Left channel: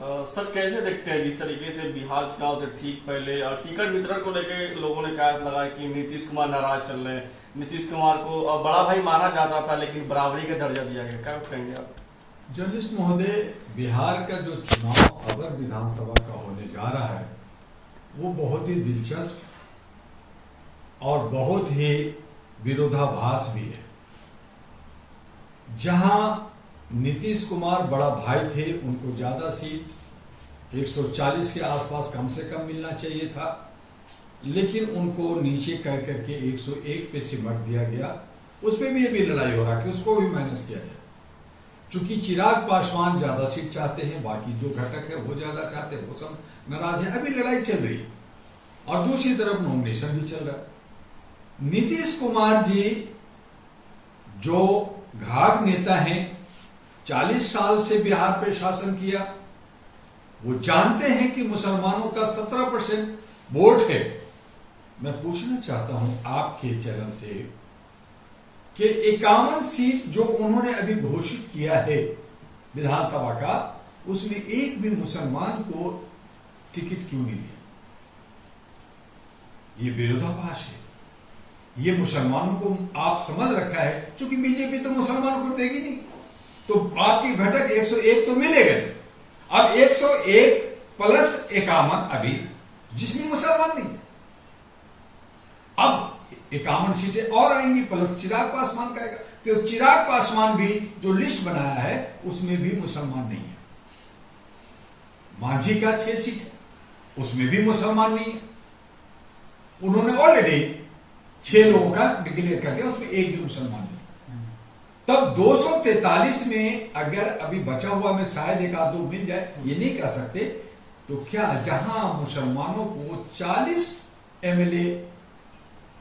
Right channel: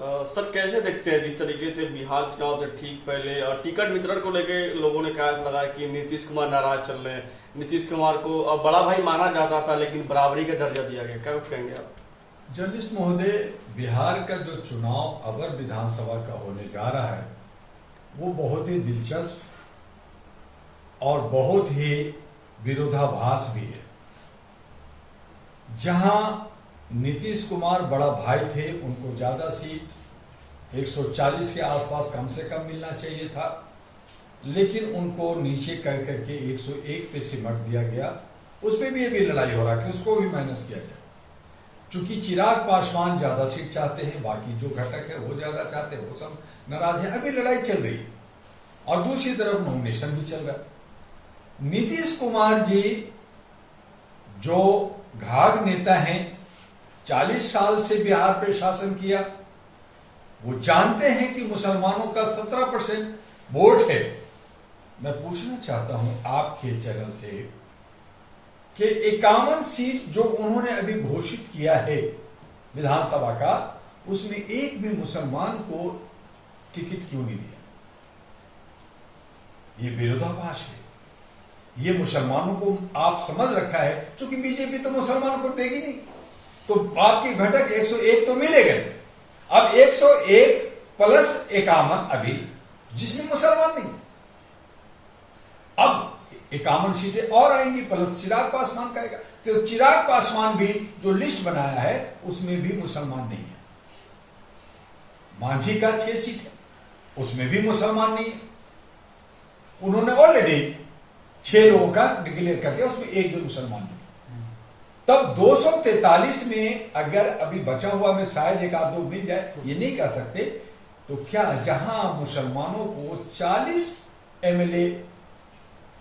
Sir कैसे देखते हैं जिस तरीके से बिहार चुनाव से ठीक पहले और टिकट वितरण को लेकर लोगों ने कहा लगा कि नीतीश कुमार नाराज चल रहे हैं। नीतीश कुमार को बड़ा भाई माना जाता था लेकिन बराबरी का दर्जा दिया गया, क्या कहेंगे आप? जर्नलिस्ट महोदय, बिहार का जो चुनाव अवर विधानसभा का होने जा रहा है वो बहुत ही दिलचस्प और बहुत ही विरोधाभास भी है। जहां नीतीश कुमार बड़ा भाई थे, उनको ज्यादा सीट 140 के आसपास कम से कम मिलना चाहिए था, लेकिन उनको नीचे कर करके 101 पे सिमट दिया गया। उसमें भी ये भी लड़ाई हो रहा है कि उसको भी माइनस किया जाए। चूंकि चिराग पासवान ज्यादा सीट चाहते हैं, बाकी जो घटक है वो ज्यादा चाहते हैं, वो सब नाराज है। अभी लड़ाई चल रही है और दूसरी तरफ नॉमिनेशन भी चल रहा है। नीतीश कुमार जी जो घाघ नेता हैं, 40 साल से बिहार पे शासन किया, वो जानते हैं कि मुसलमानों का 17% वोट है। मैं पूछना चाहता हूं आपके चैनल से कि 51 सीट जो उन्होंने अभी घोषित किया है विधानसभा का, उसमें एक भी मुसलमान को टिकट क्यों नहीं दिया? ये विरोधाभास है। ये मुसलमानों को आप समझ रखा है, क्योंकि बीजेपी तो मुसलमानों को देगी नहीं, तो आपकी घटक 101 तो मिलेगा। अब 101 प्लस 51 अभी जिसमें मुसलमान नहीं, अब 51 सीटें और आएंगी प्लस चिराग पासवान का आएगा। तो चिराग पासवान भी जो लिस्ट बनाया है उसमें भी मुसलमान नहीं है। मांझी का 6 सीट है, उसमें भी मुसलमान नहीं है। उन्होंने ऑलरेडी 6 लोगों का डिक्लेयर कर दिया, उसमें एक भी मुसलमान नहीं। तब 243 में अगर अभी बचा हुआ में शायद एक आध दो मिल जाए, ये नहीं कह सकते। तो क्या जहां मुसलमानों को 40 एमएलए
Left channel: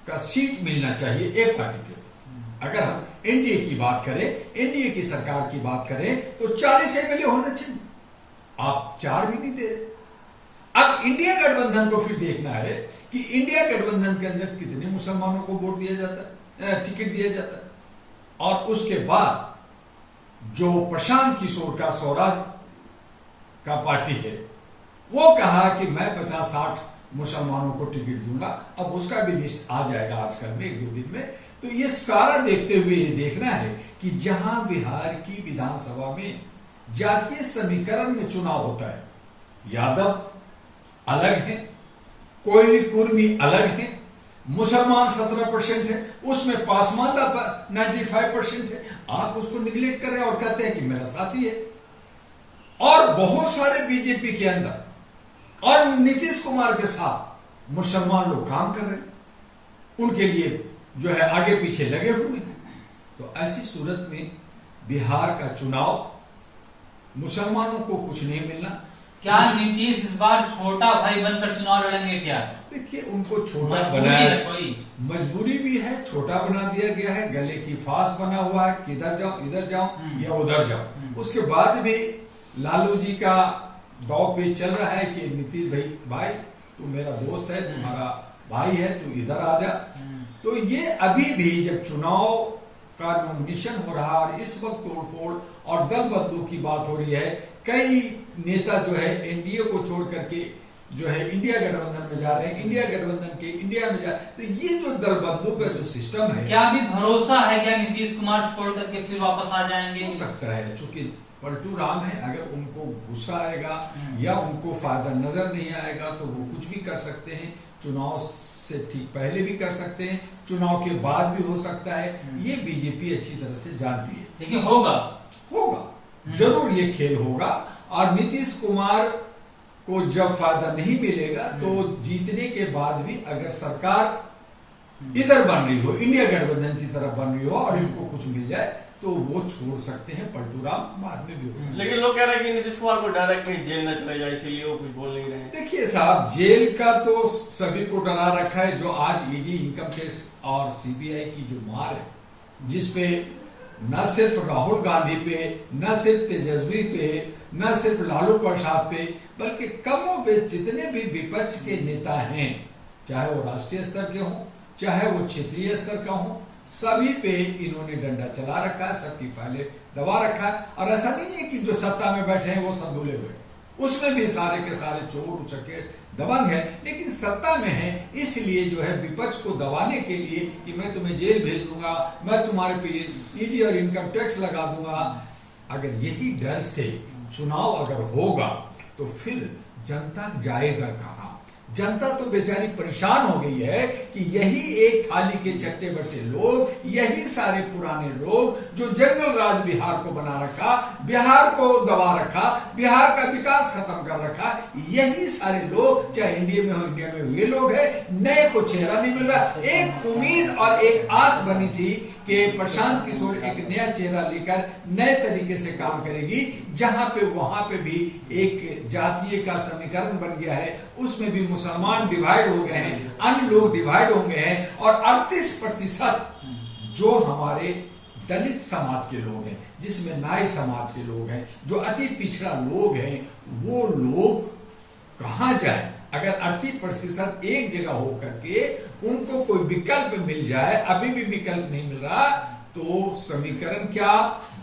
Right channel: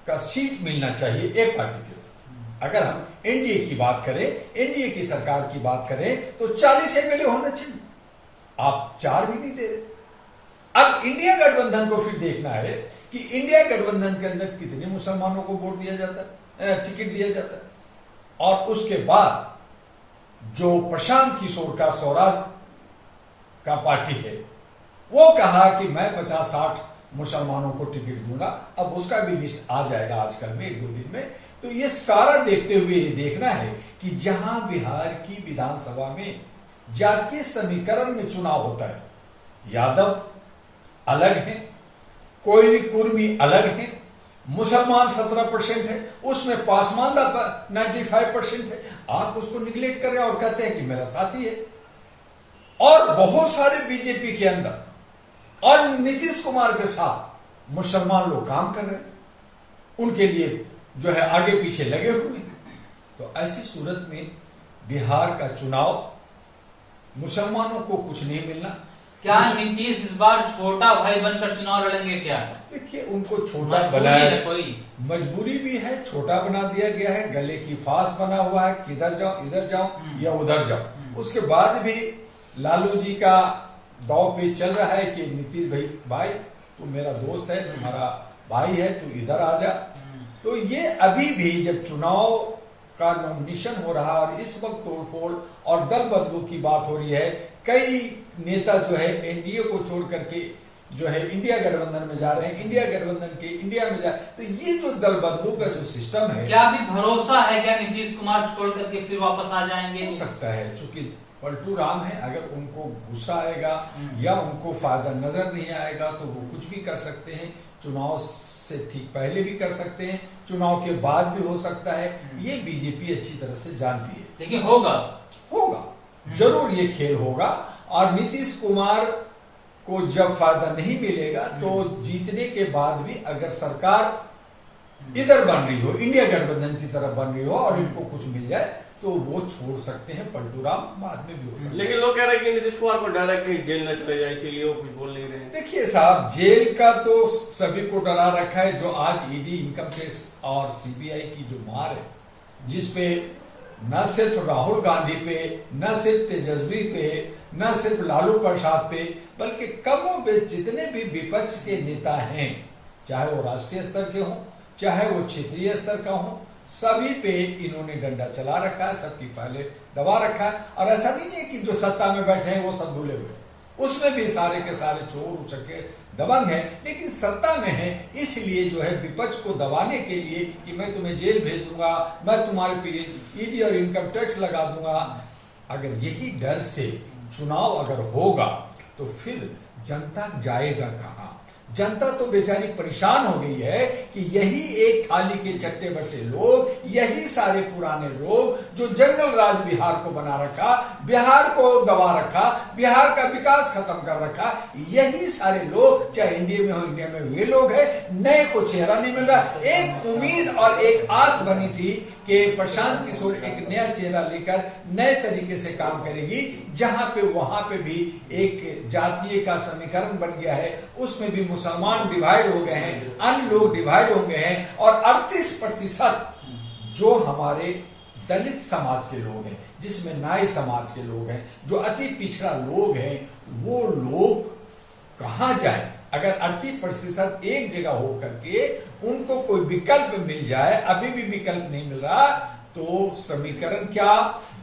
का सीट मिलना चाहिए एक पार्टी के, अगर हम एनडीए की बात करें, एनडीए की सरकार की बात करें, तो 40 एमएलए होना चाहिए। आप 4 भी नहीं दे रहे। अब इंडिया गठबंधन को फिर देखना है कि इंडिया गठबंधन के अंदर कितने मुसलमानों को वोट दिया जाता है, टिकट दिया जाता है। और उसके बाद जो प्रशांत किशोर का स्वराज का पार्टी है, वो कहा कि मैं 50-60 मुसलमानों को टिकट दूंगा। अब उसका भी लिस्ट आ जाएगा आजकल में 1-2 दिन में। तो ये सारा देखते हुए ये देखना है कि जहां बिहार की विधानसभा में जातीय समीकरण में चुनाव होता है, यादव अलग है, कोयली कुर्मी अलग है, मुसलमान 17% है, उसमें पासवान 95% है। आप उसको निगलेक्ट कर रहे हैं और कहते हैं कि मेरा साथी है। और बहुत सारे बीजेपी के अंदर और नीतीश कुमार के साथ मुसलमान लोग काम कर रहे हैं, उनके लिए जो है आगे पीछे लगे हुए हैं। तो ऐसी सूरत में बिहार का चुनाव मुसलमानों को कुछ नहीं मिलना। क्या नीतीश इस बार छोटा भाई बनकर चुनाव लड़ेंगे? क्या देखिए, उनको छोटा बनाया है, कोई मजबूरी भी है, छोटा बना दिया गया है, गले की फांस बना हुआ है, किधर जाओ, इधर जाओ या उधर जाओ। उसके बाद भी लालू जी का दाव पे चल रहा है कि नीतीश भाई तू मेरा दोस्त है, तुम्हारा भाई है, तू इधर आ जा। तो ये अभी भी जब चुनाव का नॉमिनेशन हो रहा है और इस वक्त तोड़फोड़ और दल बदलू की बात हो रही है, कई नेता जो है एनडीए को छोड़ करके जो है इंडिया गठबंधन में जा रहे हैं, इंडिया गठबंधन के इंडिया में जा। तो ये जो दल बदलू का जो सिस्टम है, क्या अभी भरोसा है क्या नीतीश कुमार छोड़ करके फिर वापस आ जाएंगे? हो सकता है, चूंकि पलटू राम है। अगर उनको गुस्सा आएगा या उनको फायदा नजर नहीं आएगा तो वो कुछ भी कर सकते हैं। चुनाव से ठीक पहले भी कर सकते हैं, चुनाव के बाद भी हो सकता है। ये बीजेपी अच्छी तरह से जानती है। लेकिन होगा जरूर ये खेल होगा। और नीतीश कुमार को जब फायदा नहीं मिलेगा तो जीतने के बाद भी अगर सरकार इधर बन रही हो, इंडिया गठबंधन की तरफ बन रही हो और इनको कुछ मिल जाए तो वो छोड़ सकते हैं। पलटू राम बाद में भी हो सकते हैं। लेकिन लोग कह रहे हैं कि नीतीश कुमार को डायरेक्ट कहीं जेल न चले जाए, इसीलिए वो कुछ बोल नहीं रहे। देखिए साहब, जेल का तो सभी को डरा रखा है। जो आज ईडी, इनकम टैक्स और सीबीआई की जो मार है, जिसपे न सिर्फ राहुल गांधी पे, न सिर्फ तेजस्वी पे, न सिर्फ लालू प्रसाद पे, बल्कि कमोबेश जितने भी विपक्ष के नेता हैं, चाहे वो राष्ट्रीय स्तर के हों, चाहे वो क्षेत्रीय स्तर का हो, सभी पे इन्होंने डंडा चला रखा है, सबकी फाइलें दबा रखा है। और ऐसा नहीं है कि जो सत्ता में बैठे हैं वो सब धुले हुए, उसमें भी सारे के सारे चोर उचक्के दबंग है, लेकिन सत्ता में है इसलिए जो है विपक्ष को दबाने के लिए कि मैं तुम्हें जेल भेज दूंगा, मैं तुम्हारे पे ईडी और इनकम टैक्स लगा दूंगा। अगर यही डर से चुनाव अगर होगा तो फिर जनता जाएगा कहां? जनता तो बेचारी परेशान हो गई है कि यही एक थाली के चट्टे बट्टे लोग, यही सारे पुराने लोग जो जंगल राज बिहार को बना रखा, बिहार को दबा रखा, बिहार का विकास खत्म कर रखा, यही सारे लोग चाहे इंडिया में हो, इंडिया में हुए लोग हैं। नए को चेहरा नहीं मिल रहा। एक उम्मीद और एक आस बनी थी कि प्रशांत किशोर एक नया चेहरा लेकर नए तरीके से काम करेगी, जहां पे वहां पे भी एक जातीय का समीकरण बन गया है, उसमें भी मुसलमान डिवाइड हो गए हैं, अन्य लोग डिवाइड हो गए हैं, और 38% जो हमारे दलित समाज के लोग हैं, जिसमें नाई समाज के लोग हैं, जो अति पिछड़ा लोग हैं, वो लोग कहां जाए? अगर 38% एक जगह हो करके उनको कोई विकल्प मिल जाए, अभी भी विकल्प नहीं मिल रहा, तो समीकरण क्या,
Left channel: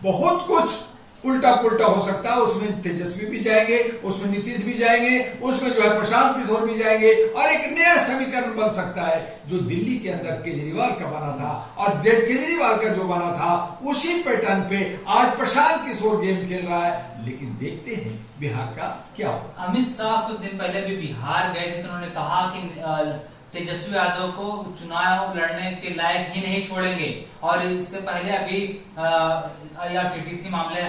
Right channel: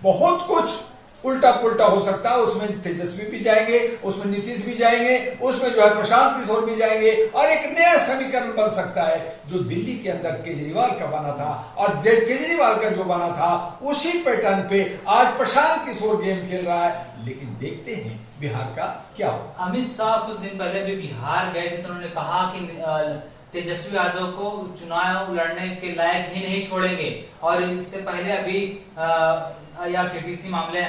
बहुत कुछ उल्टा पुल्टा हो सकता है। उसमें तेजस्वी भी जाएंगे, उसमें नीतीश भी जाएंगे, उसमें जो है प्रशांत किशोर भी जाएंगे, और एक नया समीकरण बन सकता है जो दिल्ली के अंदर केजरीवाल का बना था, और केजरीवाल का जो बना था उसी पैटर्न पे आज प्रशांत किशोर गेम खेल रहा है। लेकिन देखते हैं बिहार का क्या हो। अमित शाह कुछ दिन पहले भी बिहार गए थे, तो उन्होंने कहा कि तेजस्वी यादव को चुनाव लड़ने के लायक ही नहीं छोड़ेंगे। और इससे पहले अभी IRCTC मामले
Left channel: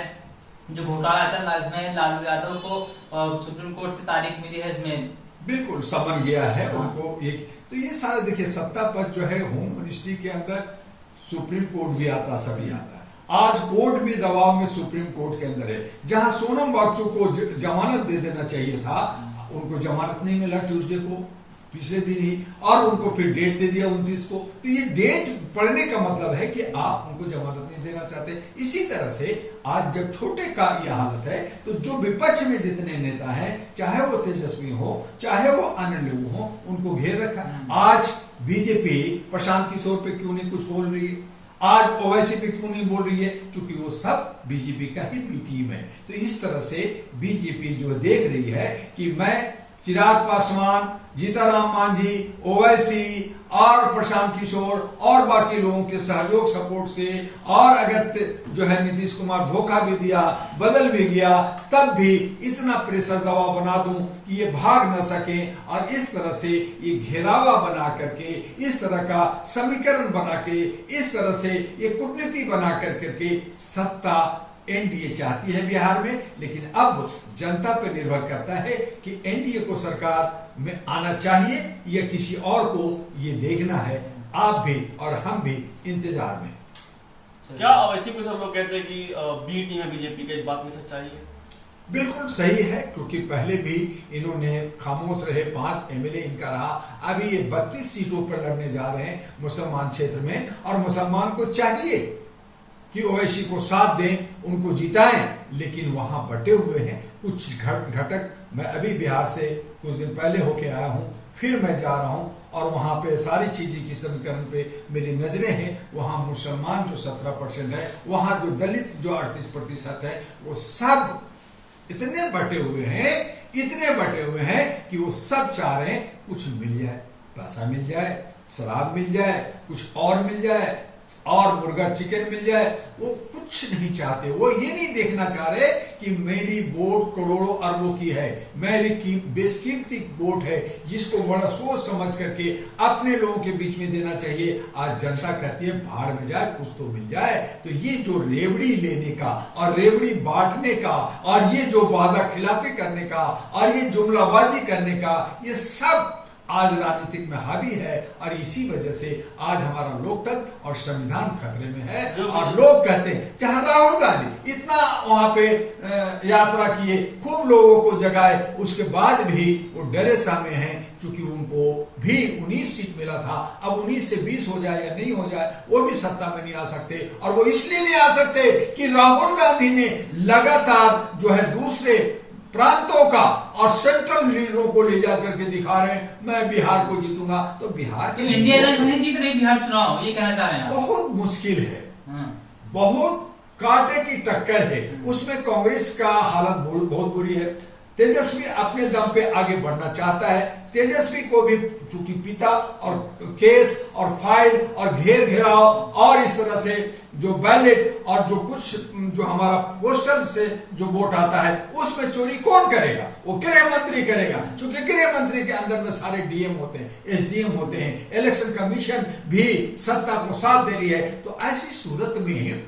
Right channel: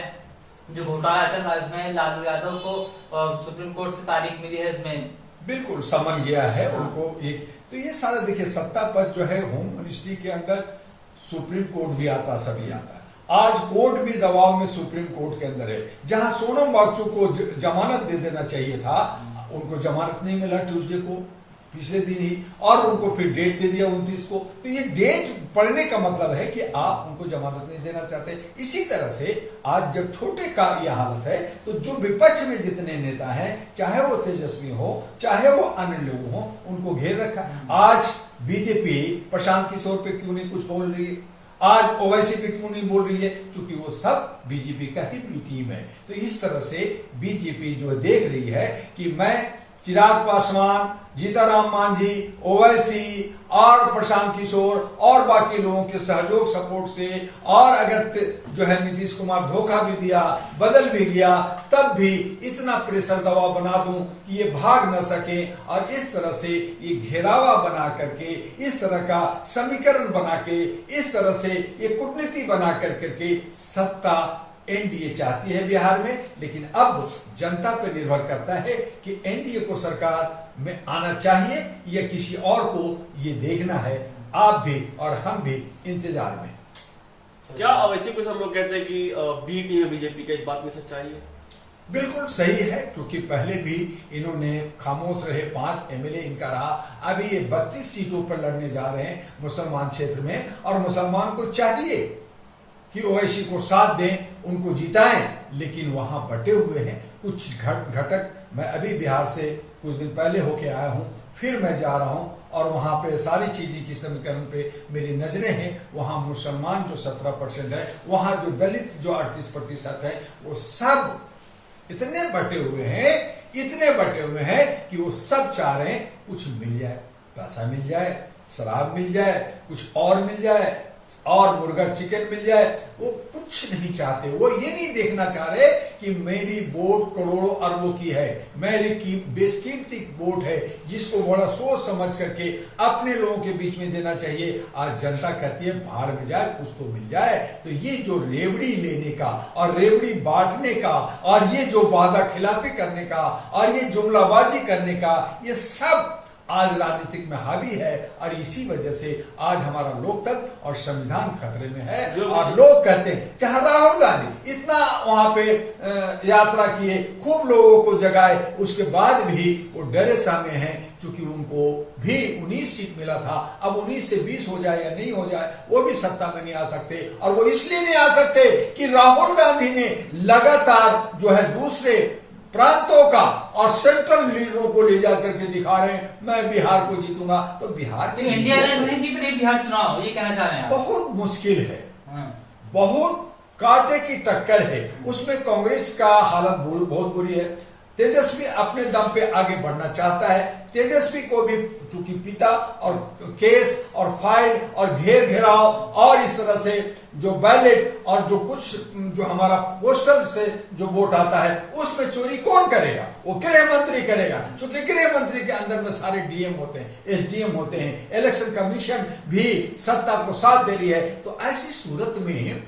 जो घोटाला चल रहा है, इसमें लालू यादव को सुप्रीम कोर्ट से तारीख मिली है, इसमें बिल्कुल समन गया है उनको एक। तो ये सारा देखिए, सत्ता पद जो है होम मिनिस्ट्री के अंदर सुप्रीम कोर्ट भी आता, सभी आता है। आज कोर्ट भी दबाव में सुप्रीम कोर्ट के अंदर है। जहां सोनम वांगचुक को जमानत दे देना चाहिए था, उनको जमानत नहीं मिला ट्यूसडे को, पिछले दिन ही, और उनको फिर डेट दे दिया 29 को। तो ये डेट पड़ने का मतलब है कि आप उनको जमानत नहीं देना चाहते। इसी तरह से आज जब छोटे का यह हालत है, तो जो विपक्ष में जितने नेता हैं, चाहे वो तेजस्वी हो, चाहे वो अन्य लोग हो, उनको घेर रखा। आज बीजेपी प्रशांत किशोर पे क्यों नहीं कुछ बोल रही है, आज ओवैसी पे क्यों नहीं बोल रही है? क्योंकि वो सब बीजेपी का ही टीम है। तो इस तरह से बीजेपी जो देख रही है कि मैं चिराग पासवान, जीताराम मांझी, ओवैसी और प्रशांत किशोर और बाकी लोगों के सहयोग सपोर्ट से, और अगर जो है नीतीश कुमार धोखा भी दिया, बदल भी गया, तब भी इतना प्रेशर दबाव बना दूं कि ये भाग न सके, और इस तरह से ये घेरावा बना करके, इस तरह का समीकरण बना के, इस तरह से ये कूटनीति बना करके सत्ता एनडीए चाहती है बिहार में। लेकिन अब जनता पर निर्भर करता है कि एनडीए को सरकार में आना चाहिए या किसी और को, ये देखना है। आप भी और हम भी इंतजार में। क्या अवैसी को सब लोग कहते हैं कि बी टीम है बीजेपी का, इस बात में सच्चाई है? बिल्कुल सही है, क्योंकि पहले भी इन्होंने खामोश रहे, 5 एमएलए इनका रहा, अभी ये 32 सीटों पर लड़ने जा रहे हैं मुसलमान क्षेत्र में, और मुसलमान को चाहिए कि ओवैसी को साथ दें, उनको जिताएं, लेकिन वहां बटे हुए हैं कुछ घटक। मैं अभी बिहार से कुछ दिन पहले होके आया हूं, फिर मैं जा रहा हूं, और वहां पे सारी चीजें की समीकरण पे मेरी नजरें हैं। वहां मुसलमान जो 17% है, वहां जो दलित जो 38% है, वो सब इतने बटे हुए हैं, इतने बटे हुए हैं कि वो सब चाह रहे हैं कुछ मिल जाए, पैसा मिल जाए, शराब मिल जाए, कुछ और मिल जाए, और मुर्गा चिकन मिल जाए। वो कुछ नहीं चाहते, वो ये नहीं देखना चाह रहे कि मेरी वोट करोड़ों अरबों की है, मेरी बेशकीमती वोट है, जिसको बड़ा सोच समझ करके अपने लोगों के बीच में देना चाहिए। आज जनता कहती है बाहर में जाए, कुछ तो मिल जाए। तो ये जो रेवड़ी लेने का और रेवड़ी बांटने का, और ये जो वादा खिलाफी करने का, और ये जुमलाबाजी करने का, ये सब आज राजनीतिक में हावी है, और इसी वजह से आज हमारा लोकतंत्र और संविधान खतरे में है। और लोग कहते हैं, चाहे राहुल गांधी इतना वहां पे यात्रा किए, खूब लोगों को जगाए, उसके बाद भी वो डरे सामे हैं, क्योंकि उनको भी 19 सीट मिला था। अब 19 से 20 हो जाए या नहीं हो जाए, वो भी सत्ता में नहीं आ सकते। और वो इसलिए नहीं आ सकते कि राहुल गांधी ने लगातार जो है दूसरे प्रांतों का और सेंट्रल लीडरों को ले जा करके दिखा रहे हैं, मैं बिहार को जीतूंगा। तो बिहार के इंडिया नहीं जीत रही बिहार चुनाव, ये कहना चाह रहे हैं? बहुत मुश्किल है, बहुत कांटे की टक्कर है। उसमें कांग्रेस का हालत बहुत बुरी है। तेजस्वी अपने दम पे आगे बढ़ना चाहता है। तेजस्वी को भी चूंकि पिता और केस और फाइल और घेराव और इस तरह से जो बैलेट और जो कुछ जो हमारा पोस्टल से जो वोट आता है उसमें चोरी कौन करेगा? वो गृह मंत्री करेगा, क्योंकि गृह मंत्री के अंदर में सारे डीएम होते हैं, एसडीएम होते हैं, इलेक्शन कमीशन भी सत्ता को साथ दे रही है। तो ऐसी सूरत में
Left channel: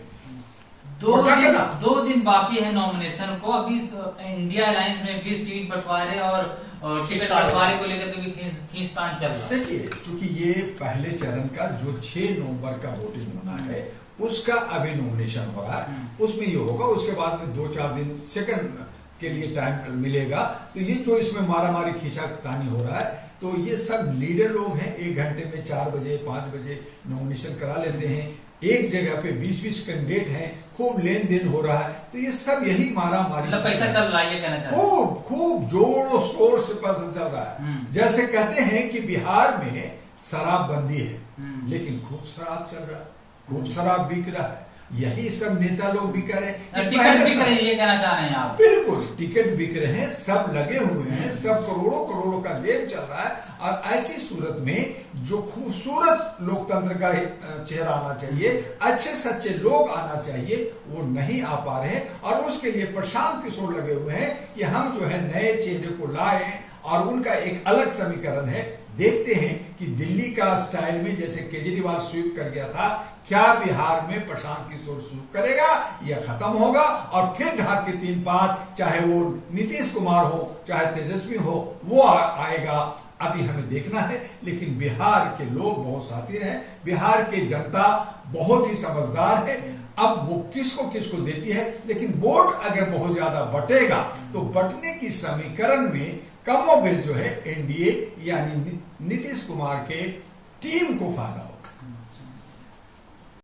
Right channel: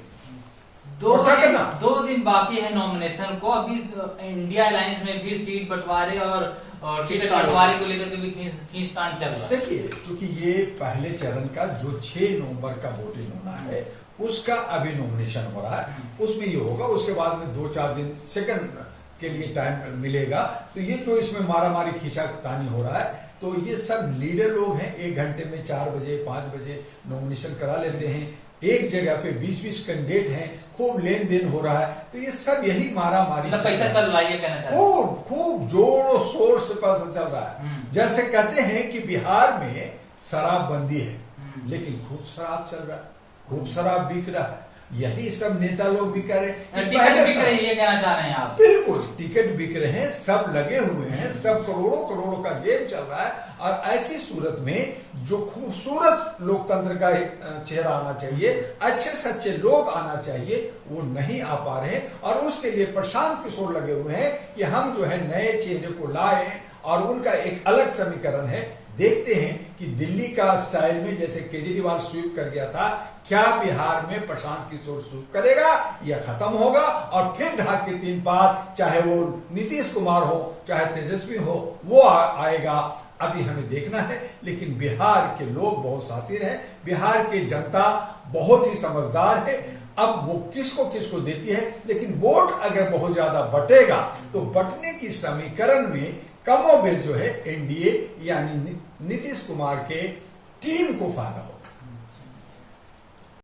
2 दिन बाकी है नॉमिनेशन को। अभी इंडिया अलायंस में भी सीट बंटवारे और टिकट बंटवारे को लेकर के भी खींचतान चल रहा है। देखिए, क्योंकि ये पहले चरण का जो 6 नवंबर का वोटिंग होना है उसका अभी नॉमिनेशन हो रहा है, उसमें ये होगा। उसके बाद में 2-4 दिन सेकंड के लिए टाइम मिलेगा। तो ये जो इसमें मारामारी खींचातानी हो रहा है, तो ये सब लीडर लोग हैं, 1 घंटे में 4 बजे 5 बजे नॉमिनेशन करा लेते हैं। एक जगह पे 20-20 कैंडिडेट हैं, खूब लेन देन हो रहा है। तो ये सब यही मारामारी, पैसा चल रहा है, ये कहना चाहते हैं। खूब जोरों शोर से पैसा चल रहा है। जैसे कहते हैं कि बिहार में शराबबंदी है, लेकिन खूब शराब चल रहा है, खूब शराब बिक रहा है। यही सब नेता लोग भी करें, टिकट बिक रही है, ये कहना चाह रहे हैं आप? बिल्कुल, टिकट बिक रहे हैं, सब लगे हुए हैं, सब करोड़ों का गेम चल रहा है। और ऐसी सूरत में जो खूबसूरत लोकतंत्र का चेहरा आना चाहिए, अच्छे सच्चे लोग आना चाहिए, वो नहीं आ पा रहे हैं। और उसके लिए प्रशांत किशोर लगे हुए हैं कि हम जो है नए चेहरे को लाए, और उनका एक अलग समीकरण है। देखते हैं कि दिल्ली का स्टाइल में जैसे केजरीवाल स्वीप कर गया था, क्या बिहार में प्रशांत किशोर स्वीप करेगा या खत्म होगा? और फिर ढाक के 3 पात, चाहे वो नीतीश कुमार हो चाहे तेजस्वी हो, वो आएगा। अभी हमें देखना है। लेकिन बिहार के लोग बहुत शातिर हैं, बिहार की जनता बहुत ही समझदार है। अब वो किसको देती है, लेकिन वोट अगर बहुत ज्यादा बटेगा तो बटने की समीकरण में कमोबेश जो है एनडीए यानी नीतीश कुमार के टीम को फायदा होगा।